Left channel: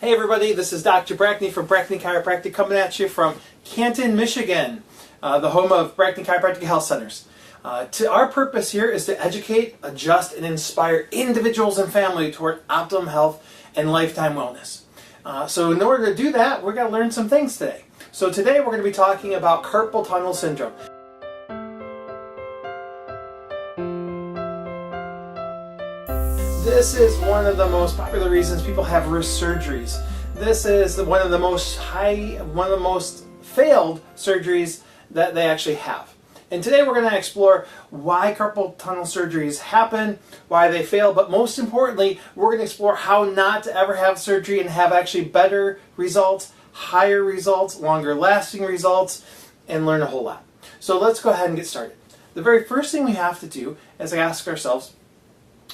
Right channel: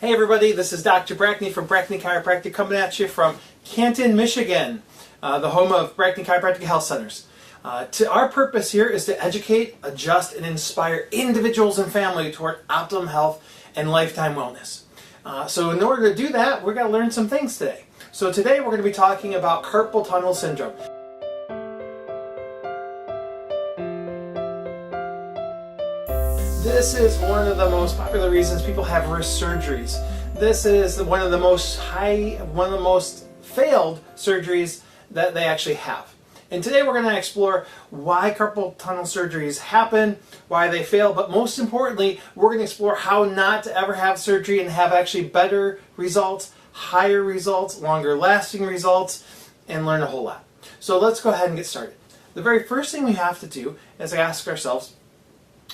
Hey everybody, this is Dr. Brackney from Brackney Chiropractic coming at you from Canton, Michigan, the home of Brackney Chiropractic Health Centers. Our purpose here is to educate, adjust, and inspire individuals and family toward optimum health and lifetime wellness. So in order to do that, we're going to learn some things today. So today we're going to be talking about carpal tunnel syndrome. This is one of the most popular reasons people have wrist surgeries. This is one of the most failed surgeries that they actually have. And today we're going to explore why carpal tunnel surgeries happen, why they fail, but most importantly, we're going to explore how not to ever have surgery and have actually better results, higher results, longer lasting results, and learn a whole lot. So let's go ahead and get started. The very first thing we have to do is ask ourselves,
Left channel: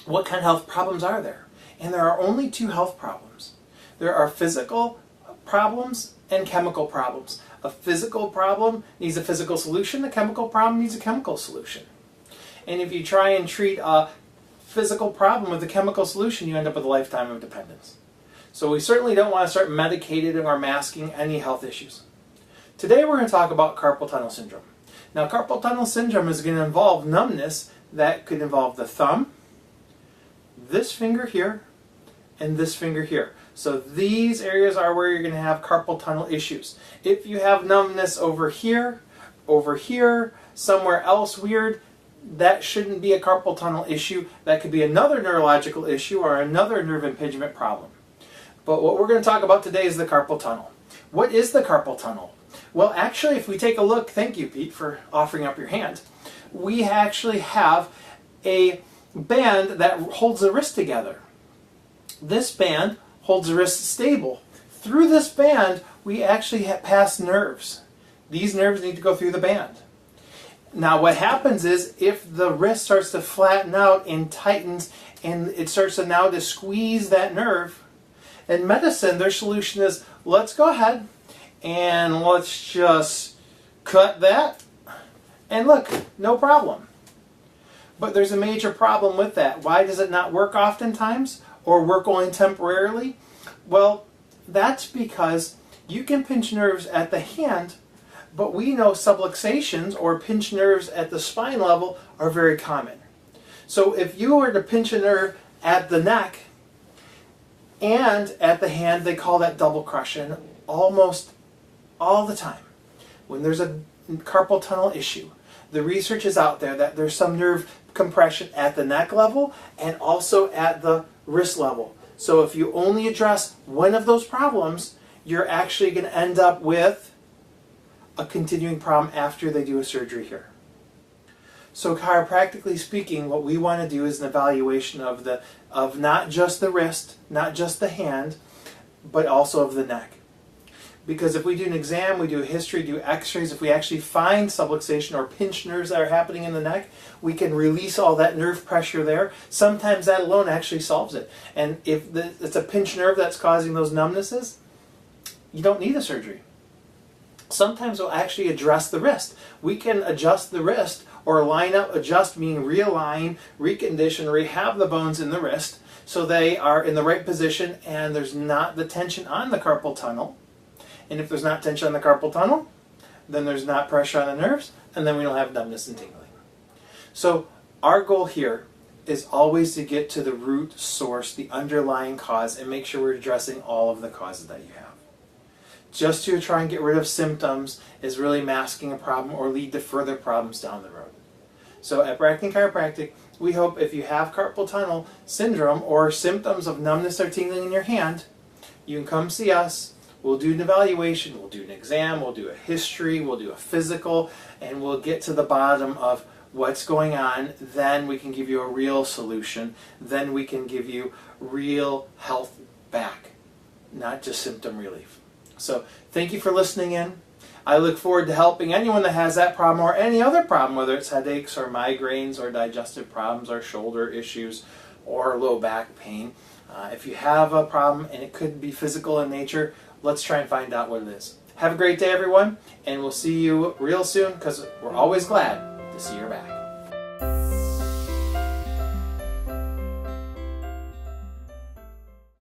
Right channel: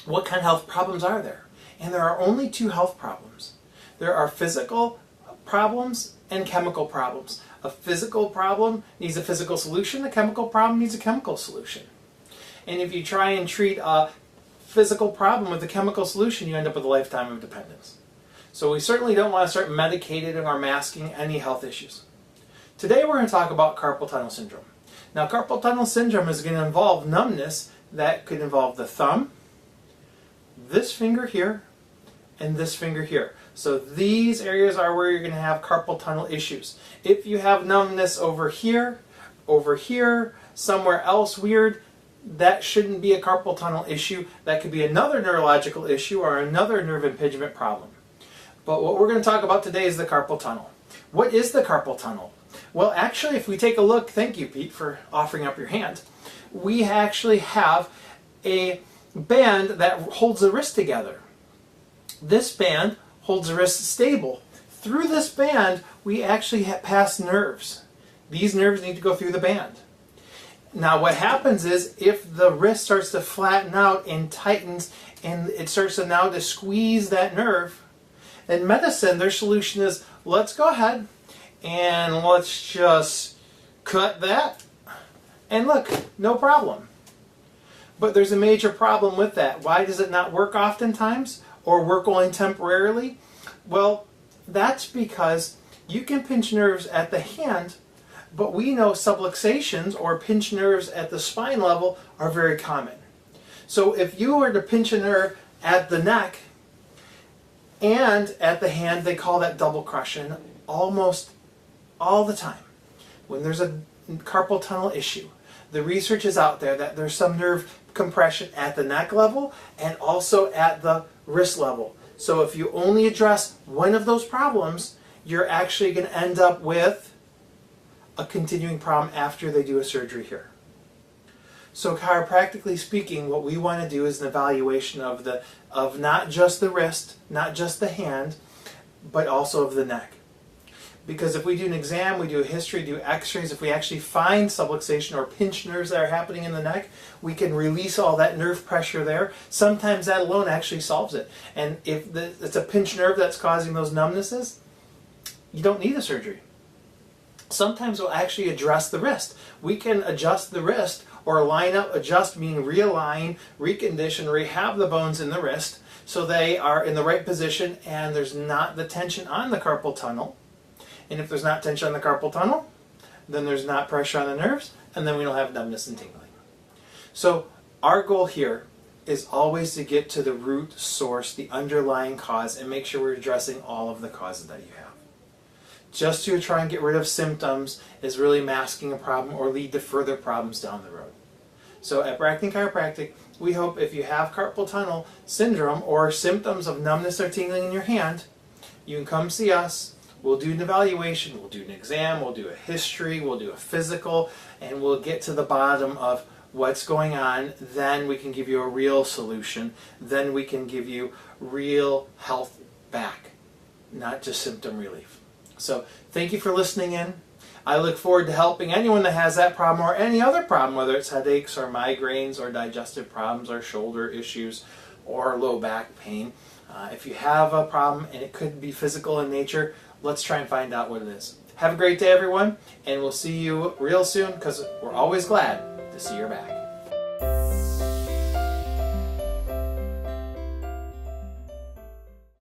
what kind of health problems are there? And there are only two health problems. There are physical problems and chemical problems. A physical problem needs a physical solution. A chemical problem needs a chemical solution. And if you try and treat a physical problem with a chemical solution, you end up with a lifetime of dependence. So we certainly don't want to start medicating or masking any health issues. Today we're going to talk about carpal tunnel syndrome. Now carpal tunnel syndrome is going to involve numbness that could involve the thumb, this finger here, and this finger here. So these areas are where you're going to have carpal tunnel issues. If you have numbness over here, somewhere else weird, that shouldn't be a carpal tunnel issue. That could be another neurological issue or another nerve impingement problem. But what we're going to talk about today is the carpal tunnel. What is the carpal tunnel? Well, actually, if we take a look, thank you, Pete, for offering up your hand. We actually have a band that holds the wrist together. This band holds the wrist stable. Through this band, we actually pass nerves. These nerves need to go through the band. Now what happens is if the wrist starts to flatten out and tightens and it starts to now to squeeze that nerve, in medicine their solution is let's go ahead and let's just cut that and look, no problem. But there's a major problem with that. Why does it not work oftentimes or work only temporarily? Well, that's because you can pinch nerves at the hand, but we know subluxations or pinch nerves at the spine level are very common. So if you were to pinch a nerve at the neck and at the hand, they call that double crushing almost all the time. When there's a carpal tunnel issue, the research is out there that there's some nerve compression at the neck level and also at the wrist level. So if you only address one of those problems, you're actually going to end up with a continuing problem after they do a surgery here. So chiropractically speaking, what we want to do is an evaluation of not just the wrist, not just the hand, but also of the neck. Because if we do an exam, we do a history, do x-rays, if we actually find subluxation or pinch nerves that are happening in the neck, we can release all that nerve pressure there. Sometimes that alone actually solves it. And if it's a pinch nerve that's causing those numbnesses, you don't need a surgery. Sometimes we'll actually address the wrist. We can adjust the wrist or line up, adjust meaning realign, recondition, rehab the bones in the wrist so they are in the right position and there's not the tension on the carpal tunnel. And if there's not tension on the carpal tunnel, then there's not pressure on the nerves, and then we don't have numbness and tingling. So our goal here is always to get to the root source, the underlying cause, and make sure we're addressing all of the causes that you have. Just to try and get rid of symptoms is really masking a problem or lead to further problems down the road. So at Brackney Chiropractic, we hope if you have carpal tunnel syndrome or symptoms of numbness or tingling in your hand, you can come see us. We'll do an evaluation, we'll do an exam, we'll do a history, we'll do a physical, and we'll get to the bottom of what's going on. Then we can give you a real solution. Then we can give you real health back, not just symptom relief. So thank you for listening in. I look forward to helping anyone that has that problem or any other problem, whether it's headaches or migraines or digestive problems or shoulder issues or low back pain. If you have a problem and it could be physical in nature, let's try and find out what it is. Have a great day, everyone, and we'll see you real soon because we're always glad to see your back.